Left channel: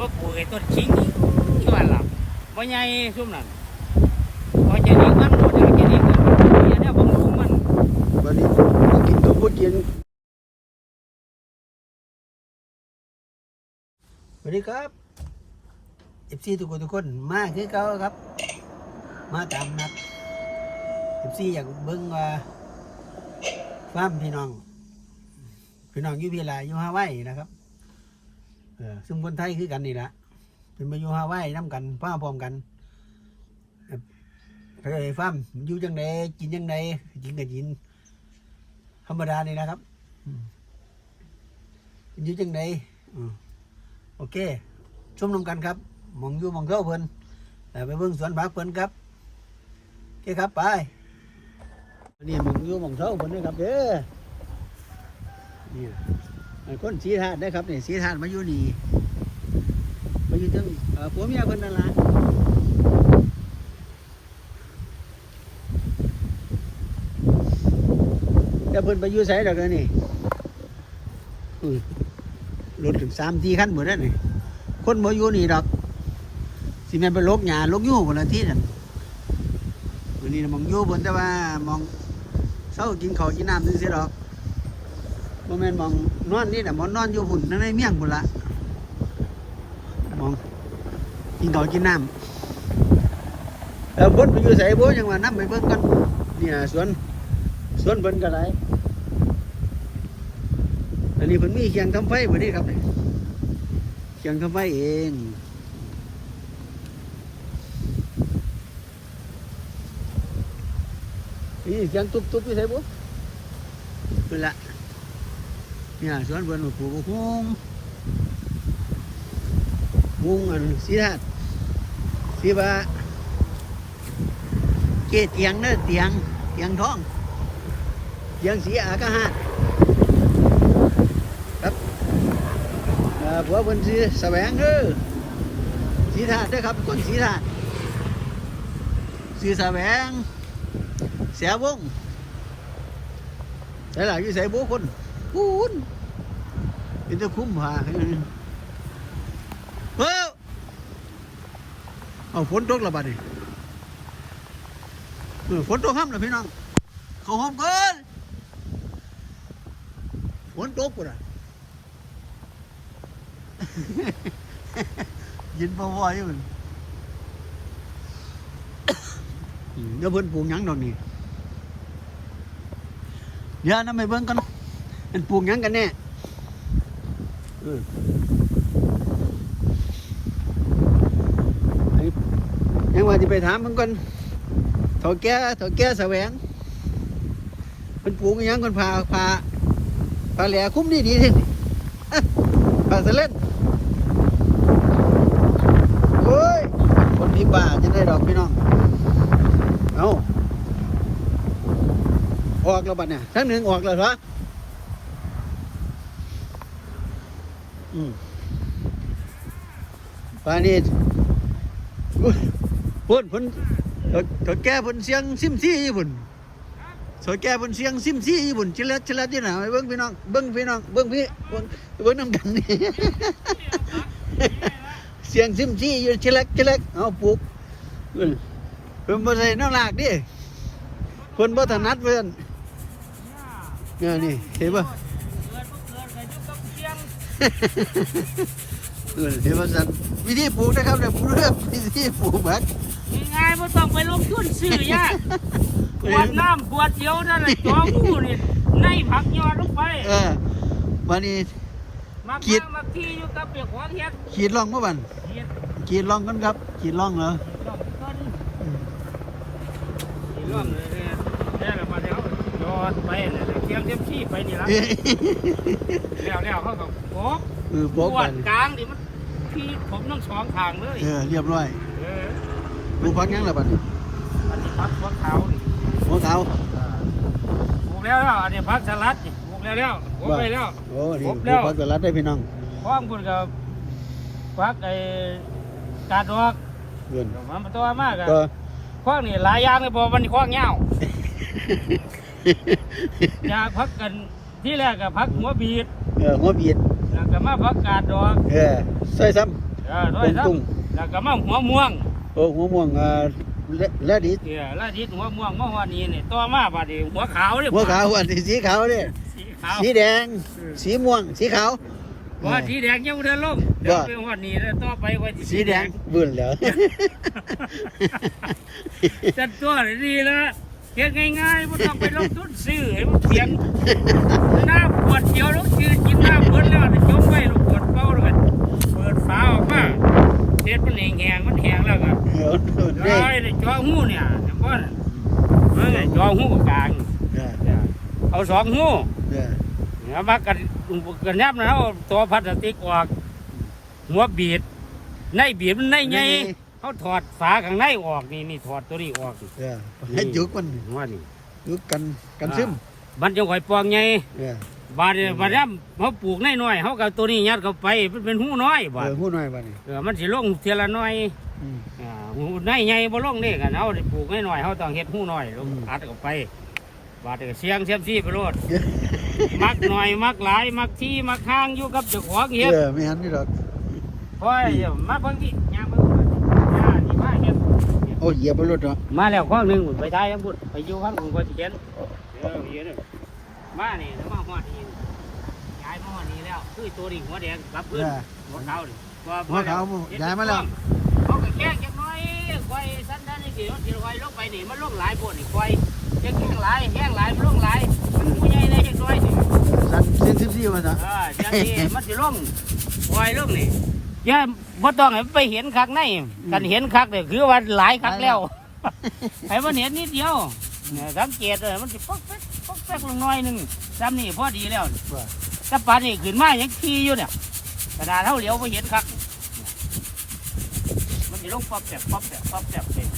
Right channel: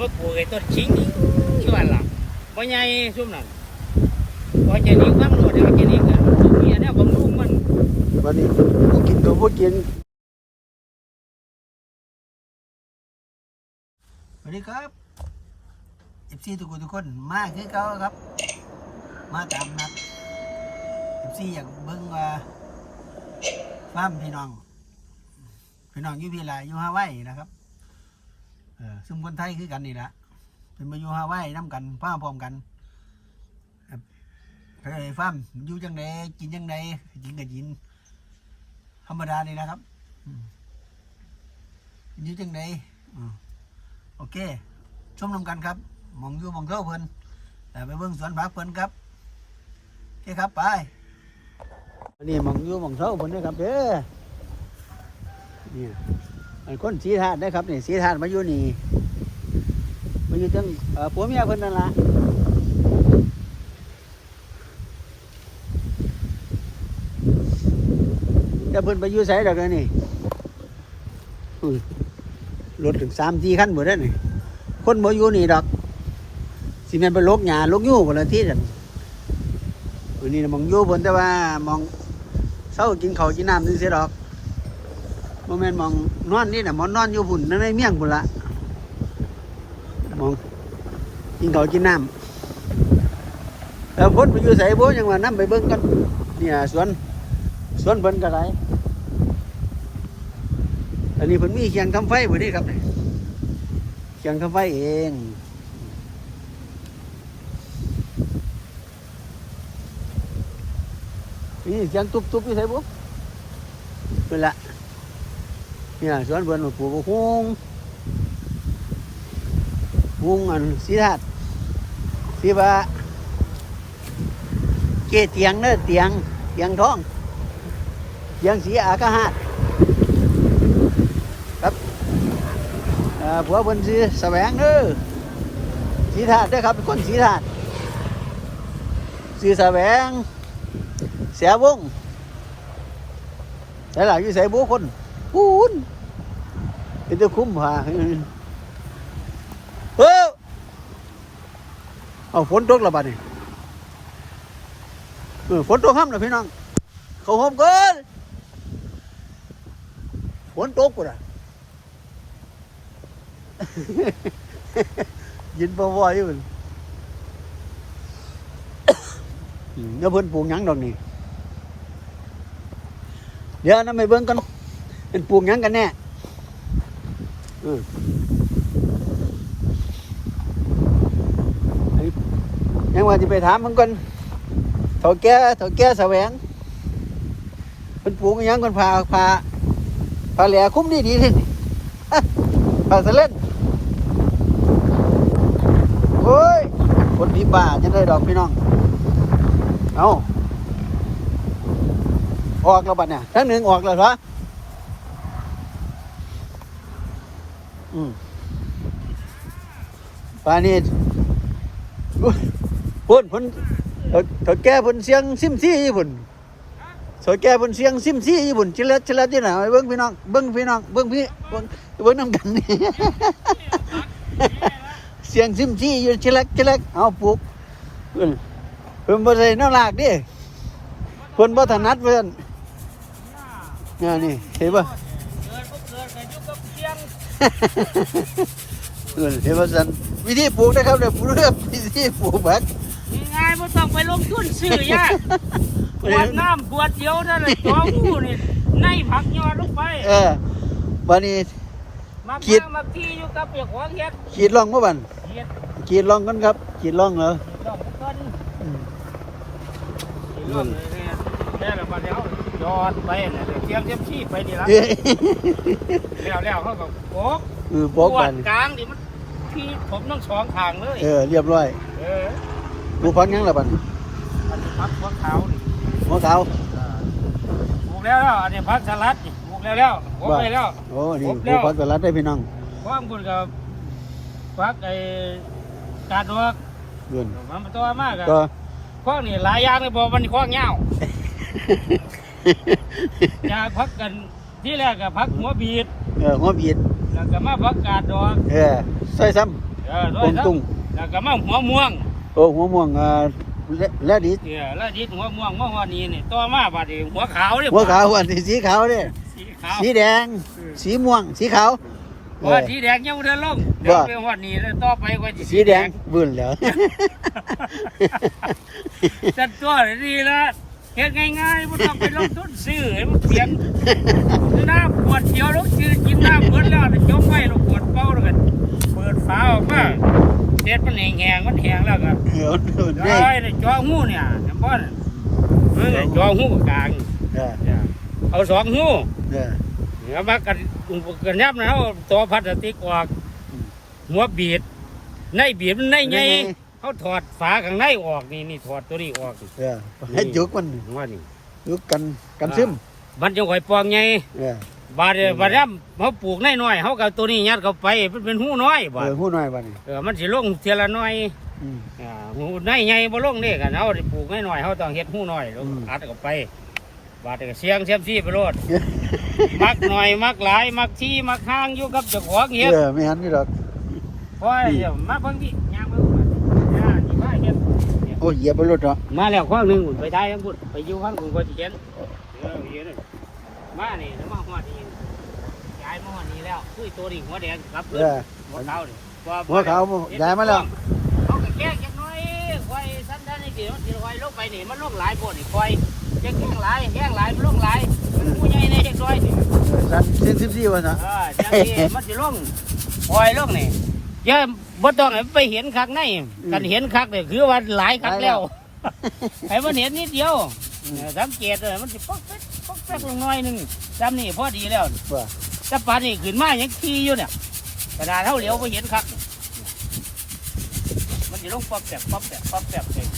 ก็ปลูกไอ้ต้นชิงนี่ช่ว่าหลับบ่ใหญ่ซุ่มนั่นบ่ใหญ่นี่มันบ่ใหญ่นี่ก็เนี่ยเนี่ยบ่ปลูกมันวันนี้กินตัวพูดกินสวัสดีครับเอฟซีทุกคนทุกคนมาคือเก่าครับ มาตามนัดเอฟซีอยากเบิ่งว่าฟ้ามพี่น้อง พี่น้องอยู่พีลาอยู่ฮาวายนะครับ เออซึ่งคนไทยคือกันนี่แหละเป็นมาอยู่ฮาวายน้ำกันพ้าพร้อมกันเฮ้ยฟ้ามอยู่จังไดกินจังไดกินก็กิน ธรรมดานี่นะครับอยู่จังไดโอเคชมนำกันครับมองอยู่มองเท่าเพิ่นแต่ไปเบิ่งสวนผักเพิ่นครับโอเคครับไปนนี้หมองอยู่มองเท่าเพิ่นนะครับเด้อ คนสีธาตุนะครับนี่สีธาตุมาอยู่นี่มาอยู่จังเอ่อผัวเมียเพิ่นนั่นล่ะเดี๋ยวเพิ่นไปอยู่ไสดอกเดี๋ยวนี่อุ้ยรถถึงสามสี่คันหมดแล้วนี่คนบ่อยู่นี่ดอกสิแม่นไปลกหญ้าลกยู่พุ่นละที่นั่นวันนี้น่ะมองอยู่เพิ่นแต่ว่ามองเช้ากินข้าวกินน้ำนี่สิดอกบ่แม่นมอง นอนนี่น่ะมองนอนอยู่พุ่นในเมียงพุ่นละมองกินข้าวกินน้ำแล้วพ้นไปอยู่ไสบ่ยังว่านํไปเบิ่งกันเนี่ยสวนสวนเพิ่นก็ได้อันนี้เพิ่นมีเคียงทำไฟบ่นี่ครับเคียงทำไฟเองนี่เคียงตุบๆอยู่ไสบ่เป็นละ เนี่ยสวนเพิ่นปลูกฮวงฮวงอันสีธาตุสีว่าเกเตียงเด้อเตียงเตียงทองเตียงสีอากาหาดอ่าผัวเพิ่นสีแสวงเด้อสีธาตุด้ครับเป็นคนสีธาตุสีแสวงเสียวงแต่หลังอยู่ใส่บุคนปูน เป็นตัวคุ้มหาเฮ้ยเอาฝนตกละบัดนี่เออฝนตกห้ามนะพี่น้อง เขาห้อมเกินฝนตกกูนะยินบ่บ่อยู่พุ่นอืมเดี๋ยเพิ่นปลูกหยังดอกนี่เดี๋ยวนํไปเบิ่งกันเป็นปลูกหยังกันแน่ ยังว่าสิไปถามมันก่อนเฒ่าแก่เฒ่าแก่แสวงเพิ่นปลูกยังเพิ่นพาพาพาแหล่คุ้มดีดีสิพาสเล่นโอ้ยคนที่บ้าจะได้ดอกพี่น้อง เอาออกแล้วบัดเนี่ยทั้งหนึ่งออกแล้วเหรอ ป่านนี้อุ้ยพุ่นพุ่นเถาแก่พุ่นเสียงซิมซี่ญี่ปุ่นเถาแก่พุ่นเสียงซิมซี่ญี่ปุ่นชิลัดชิลัดที่ไหนเบิ้งพี่น้องเบิ้งพี่น้องเบิ้งพี่เบิ้งเบิ้งน้ำกันนี่เสียงซิมซี่อยู่ชิลักชิลักเอาปลูกเพิ่นเพิ่นบ่ได้แนวลากดิเพิ่นบ่ถนัดเพิ่นนี่ยนี่เห็นบ่กิดบ่เกิดก็อยู่กับเสียง เพิ่นเห็นบ่ซั่นวิธีปลูกนะครับเดี๋ยวปลูกครับวิธีปลูกบักง่ายๆบ่ต้องไปลงทุนซื้อยากขวดน้ำขวดเดียวนั่นแหละตัวงูนี่ในผักยอดลงไป เออวันนี้มาคิดมาที่อยู่กับเปียกหัวเฮ็ดขีดลองบ่บันเฮ็ดขีดลองกันครับขีดลองเหรอเฮ็ดรอบต้นอืมเฮ็ดรอบเลย เนี่ยแล้วเรามาแล้วยอดไปเนี่ยเลยเสียงเต็มที่ไปนี่ละเอ้ยแล้วแล้วเขาก็โบกเออบอกวกัดนกลางดิมันที่ผมทั้งสองทางเลย เออเรียบร้อย เออปลูกพักหยังล่ะบัดอันนี้พักพวกเขานี่หัวขาวอ่าปลูกแล้วแล้วอันนี้พักสลัดนี่ปลูกแล้วแล้วปลูกไปแล้วโอ้นี่ครบปแล้ลูกวพักสลัดได้พี่น้องพร้อมคุณกับพักไอ้กาดดอกเงินมันตัวมากอะก็ข้องนี่หลายอย่างเลยบอกมันข้องเงาอ ยากพักกันที่แรกกับพักหัวบีดเออหัวบีดแล้วก็มาพักกาดดอกเออใส่ซ้เเออด้วยครับตุ้งแล้วก็มาหัวม่วงโอ้หัวม่วงอ่าและและดิเนี่ยแล้วทิศหัวม่วงเมื่อวานนี้เนี่ยต่อมาบัดนี้หัวขาวเนี่ยหัวขาวอันนี้สีขาวเนี่ยสีขาวสีแดง สีม่วง สีขาวว่าสีแดงยังไม่ได้ลงเดี๋ยวว่าเป็นวันนี้แล้วต่อไปก็จะสีแดงบึ้นแล้วจัดตัวดีละ เฮ็ดง่ายๆไม่ต้องไปลงทุนซื้อให้มันเสียงน้ำขวดเดียวลูกชื่อกินน้ำเบิดแล้วจะจมไว้ลูกขวดเป้าแล้วกันเปิดฝาออกมาเด็ดมันแห้งๆมันแห้งแล้วก็ได้ได้จ่อหูเนี่ยเห็นบ่น่ะจ่อหูกลางเออเอาสองหูเออแล้วมากันกันยับนะเอาตัวพลาสติกออกหัวบีดในบีดมันในไง เขาถอดฝาข้างในออกนี่นี่ถอดตัวนี้ออกนี่เออให้จุกมันว่านี่จุกกันกันซึมมันจะข่อยปองไงเออบาดเดี๋ยวบาดย่ำเขาปลูกในน้อยๆเขากับตัวนี้ยัดเข้าไปมันเป็นหูน้อยเอบาดอหูน้อยบ้านี่เออมันสิลงเทียละน้อยอืมอ่าหูในไงบ่ลงนี่กันเอาได้ปลูกในน้อยๆเขาต้องเฮ็ดหูน้อยลงอืมอัดเข้าไปบาดเดี๋ยวเสียงเสียมซี่ไปโลดมักหน่อยมักหลายมักที่มักข้างอยู่กับเจ้าของเฮ็ดเออไม่หันนี่หรอกเพราะเดี๋ยวมาเบิ่งที่ยามเบิ่งก่อนย่านี่มาเฮ็ด โอ้ยเหยียบบนรถเนาะมาแล้วข้อหนึงไปได้ทั้งหมดไปอยู่ข้างกูก็สิเห็นเดี๋ยวไปเห็นมานี่แล้วมาฮอดนี่ย้ายมาฮอดนี่แล้วคือตัวนี้หัวแดงกลับเอเพิ่นอหัวขาวนี่หัวขาวย้ายมาแล้วเขาก็แกล้งจักหน่อยควายสั้นๆนี่กี่มันสิควายลงไปนี่มันลงหลายโพดนี่ควายจะแกล้งหลายแกล้งหลายมันลงหลายมันผู้ใหญ่ในจักหน่อยนี่สันเส้นสิบสี่วันนะเออจังนี้มันสิลงปล่อยลงนี่อย่า บ่ต้องให้มันไปเห็นคักในกันเห็นคักนี่คือว่าหลายคักแล้วให้มันเห็นนิดเดียวเนี่ยสังเกตเลยมันสิป๊อกแป๊กป๊อกแป๊กลงหน้อยหนึงจำนี่พอดีแล้วว่าแต่ปานนี่ขึ้นมายังขี่อยู่เนี่ยกระดาษเท่าเหลียวไปเห็นคักเนี่ยมันสิลงป๊อกแป๊กป๊อกแป๊กป๊อกแป๊กเอง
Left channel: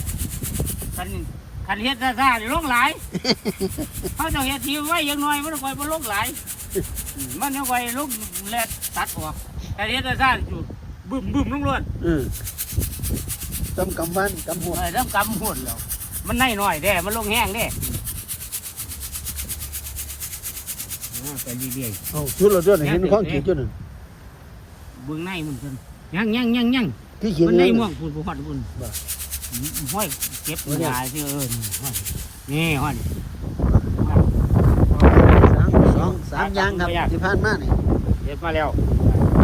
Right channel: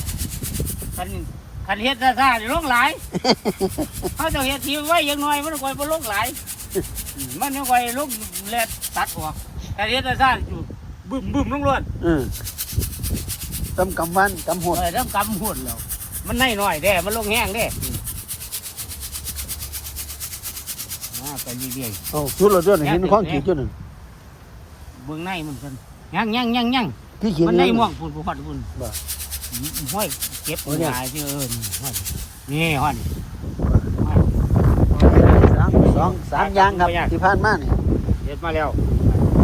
คันคันเฮ็ดซ่าๆนี่ลงหลายเขาจะเฮ็ดทีไว้อยังน้อยมันคอยบ่ลงหลายอืมมันยังไว้ลงแลดตัดออกแต่เฮ็ดได้ซ่านอยู่ บึ้มบึ้มลงรวดอืมตำกำฟันกำหัวโอ้ยแล้วกำหดแล้ว มันในน้อยแด้ มันลงแห้งแด้อ่าไปเรื่อยโอ้สุดเราด้วยเห็นข้องขีดจุดหนึ่งๆเบื้องในมันกันยังยังยังยังที่ขีดมันในม่วงพุ่นพุ่นพุ่นบ่อืมห้อยเก็บโอ้ยหาชื่อเอิญห้อยนี่ห้อยสามสองสามอยางครับที่ผ่านมานี่เฮ็ดมาแล้ว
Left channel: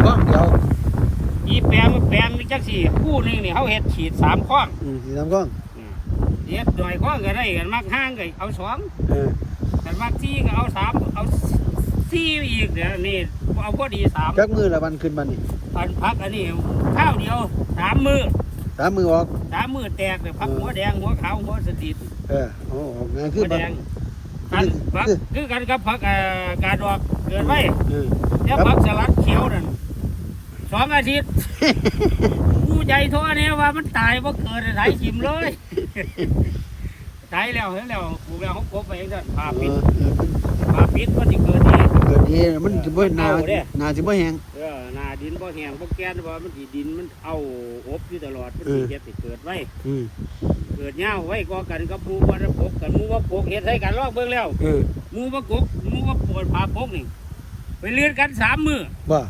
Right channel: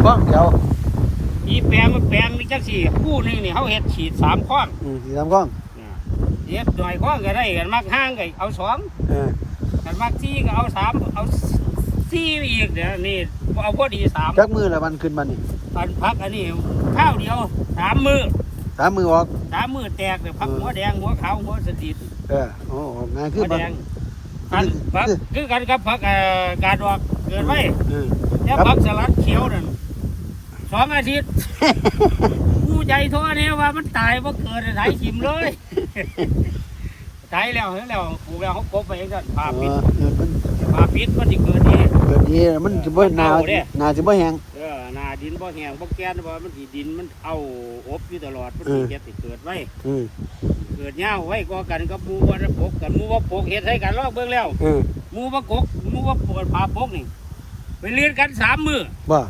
ข้องเดียว อีแปลงแปลงนี่จังสี่คู่หนึงนี่เขาเฮ็ดฉีดสามข้องอืมสี่สามข้องอ่าเฮ็ดหน่อยข้องก็ได้กันมักห้างก็เอาสองเออกันมักที่ก็เอาสามเอาสี่อีกเดี๋ยวนี่เอาพอดีสามจักมือละวันขึ้นมานี่อันพักอันนี้ข้าวเดียวสามมือสามมือออกสามมือแตกเลยพักหัวแดงหัวขาวหัวสติดเออโอ้ออกงานขึ้หันวมาแดงพันพักคือกันกับพักเอ่อการดอกเกิดไว้เออแล้วพักสลัดเขียวนั่น สองอาทิตย์ ผู้ใจโทษเนี่ยว่ามันตายว่าเกิดไถชิมเลยตายแล้วเห็นแล้วปลูกแล้วเขากบไปเองกันพาเอปิดอเออพาปิดมันจะเกิดนี่เกิดดีมันจะบ่หนาหนาจะบ่แห้งเออหนาดินบ่แห้งบ่แก่นบ่มันสิดินมันเอาอบอยู่ตลอดมันเอสิอเฮ็ดให้เกิดไว้อืมเกิดยาวไว้ก็กันกับหมู่ว่าปกกันหมู่ว่าปกเฮ็ดให้กันรอบเบิ่งแล้วเออหมู่ว่ากกหมู่ว่าปวดผาปกนี่ไปเรียนกันสามมื้อว่า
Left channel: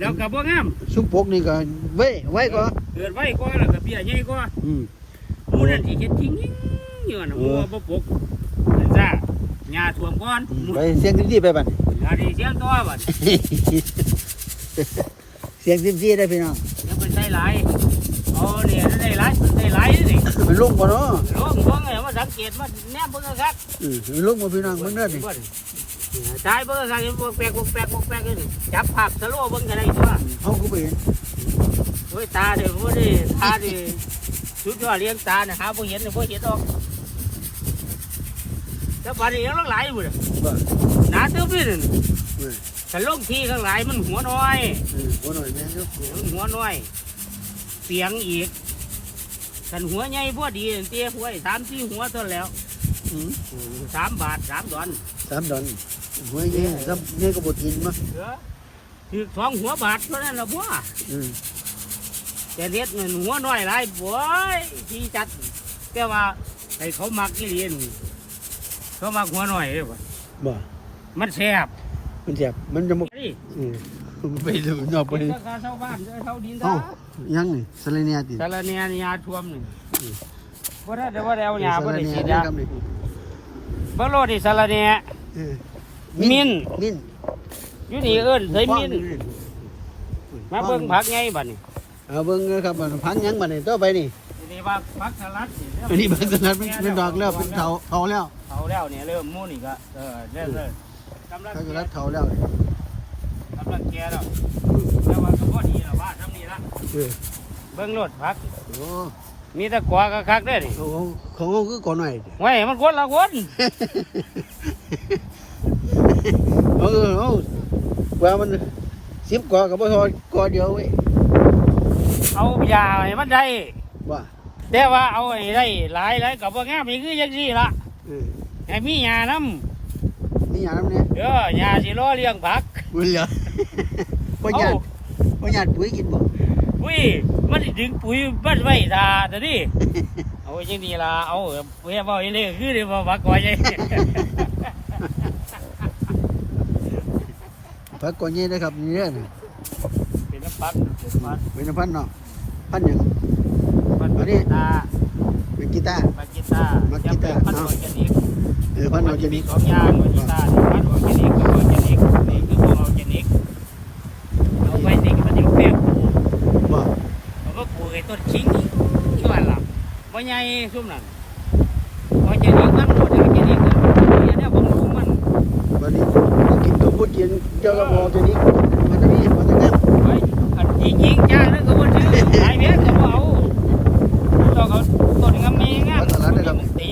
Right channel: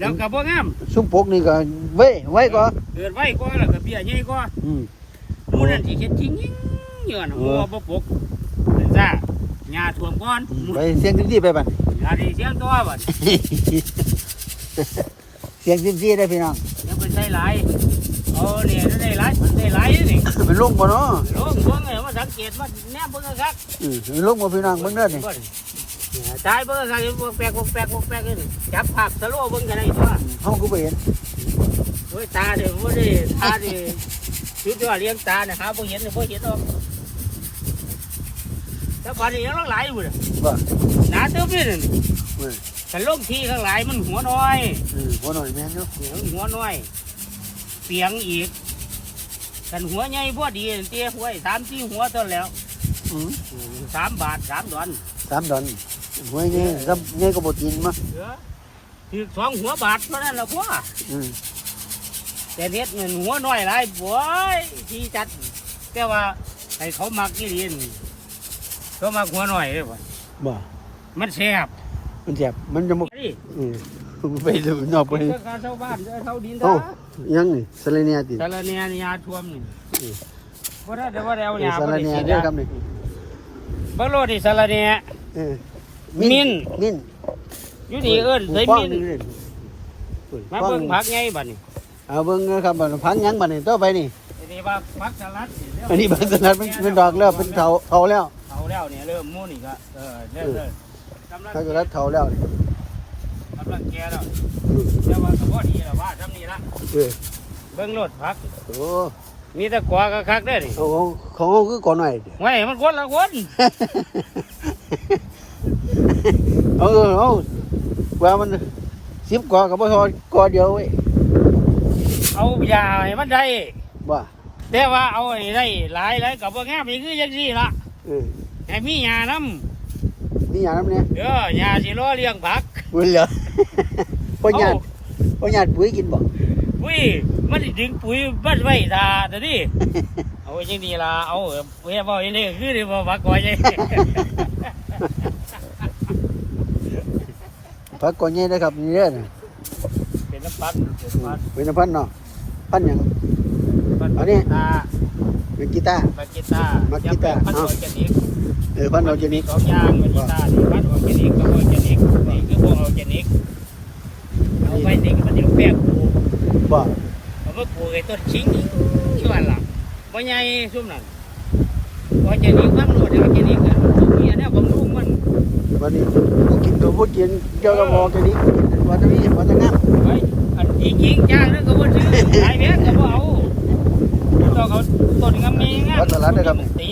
แล้วก็บ่งามซุ้มปกนี่ก็ไว้ไว้ก็เกิดไว้ก็แล้วก็เบี้ยใหญ่ก็อืมหมู่นั้นสิเฮ็ดทิ้งอยู่น่ะหมู่ว่าบ่ปกเป็นซ่าหญ้าท่วมก่อนหมู่ไปเสียงซิมซี่ไปบัดหญ้าดีเสียงตัวบัดเสียงซิมซี่ได้พี่น้องยังเป็นได้หลายเอาเนี่ยได้หลายได้หลายนี่ไปลุงบ่เนาะลงลงเลยมาสังเกตมาแนมเบิ่งซักอืมไปลุงบ่พี่น้องเบิ่งเด้อนี่ ตายเบิ่งซักพวกแปลกพวกแปลกพวกแปลกนี่จับภาพสโลว์เบิ่งกันได้ตัวเฮาก็บ่เห็นโอ้ยตาเด้อโอ้ยดิตาดิชุดยอดเลี้ยงตาเนี่ยหาบ่เห็นเลยบ่เห็นดอกแต่ป่านนี้ยังลงหลายอยู่เลยบ่หนาตึ๊บนี่นั่นเออแต่ลงทีข้างหลายมันหัวน้อยเออบ่หน่อยแม่นเนาะเนี่ยมันหัวน้อยเปียงอีกกันหัวใหญ่พอดีเตี้ยหัวสามสี่หัวเท่านั้นแล้วอืมสามบาทสามดอนสามดอน หัวใหญ่ซับใหญ่ก็บ่กินมาเออคือสองหัวบาทเท่านั้นละบัวอืมแต่เน็ดเงินหัวน้อยหลายบัวที่จัดแต่ว่าให้เขามักนี่เรียนเขามักหัวน้อยเลยว่ะบ่มันแซ่บมันแซ่บมันจะบ่นี่อืมไปดูนอกไปเจ้าเขาเช่าบ้านเจ้าเขาดินโอ้ยังนี่สเลเนียติสารเนียยาท่วมนี่บ่ได้แต่ว่าแล้วยาสบ่เลได้เนียฉีดเด้อยาครับนี่บ่โลดิสารเนียเออ มิ้นมิ้นอยู่นี่เอิ้นเคยฟ้องมีนี่เลยมาเบิ่งผักไงบัดนี้เอาเบิ่งนะครับบัดพังยังบัดนี่ต่อไปนี่นี่ว่าผักสลัดอันนี้บางสนัดมันเป็นดอกแล้วเป็นเถาเถาแล้วเอาแล้วเนี่ยเริ่มมูนี่ก็เออเริ่มเริ่มกำลังถ้าสนัดเถาแล้วนี่กำลังแก่แล้วแต่ว่าก็พอดีแล้วว่าทำนี่ละเออเบิ่งรถผักโอ้มีแต่กวาก็คักเด้อนี่เอาของของเขาคือก่อนหน่อยไว้มันคนละคน เออเอาว่ามันสิบกว่ากับพอก่อเดียวเว้ยเอายาให้มันได้ว่าแต่ว่าเอาไอ้ได้หลายหลายกับว่างามนี่คือจังซี่ละเออให้มียานำนี่อย่างนั้นเนี่ยเด้อยาสิรอเลี้ยงผักบุญเหรอพ่อหยาดพ่อหยาดปุ๋ยกินบ่อุ้ยมันสิดึงปุ๋ยมันไว้ตาเด้อดิเอาจังนี้ล่ะเอาเว้ยบ่อีนี่คือได้บ่มักไว้ใหญ่ พักก่อนใหญ่นะครับนี่เด้อนี่เป็นน้ำปัดเป็นน้ำพันธุ์เนาะพันธุ์หยังเอานี่ตาเป็นกีตาร์ปัดกีตาร์ปัดกีตาร์ปัดเอาออร์แกนิกเออพันธุ์ออร์แกนิกสองอย่างปัดกีตาร์ปัดออร์แกนิกกับออร์แกนิกนี่คือพวกออร์แกนิกเอาไปติดมันอยู่แก้วว่าเขาก็ปลูกไอ้ต้นชิงช่วยหลับบ่ใหญ่ซุ่มนั่นออร์แกนิกมันออร์แกนิกมันเนี่ยเนี่ยผมปลูกมัน วันนี้กินตัวพูดกินเจ้ากระบอกตัวนี้วันนี้วันนี้นะเฮ้ยอันจริงจริงจ้านั่นคือมันซื้อไอ้เบี้ยแต่ว่าเอาต้องเอาต้นงามๆไงตี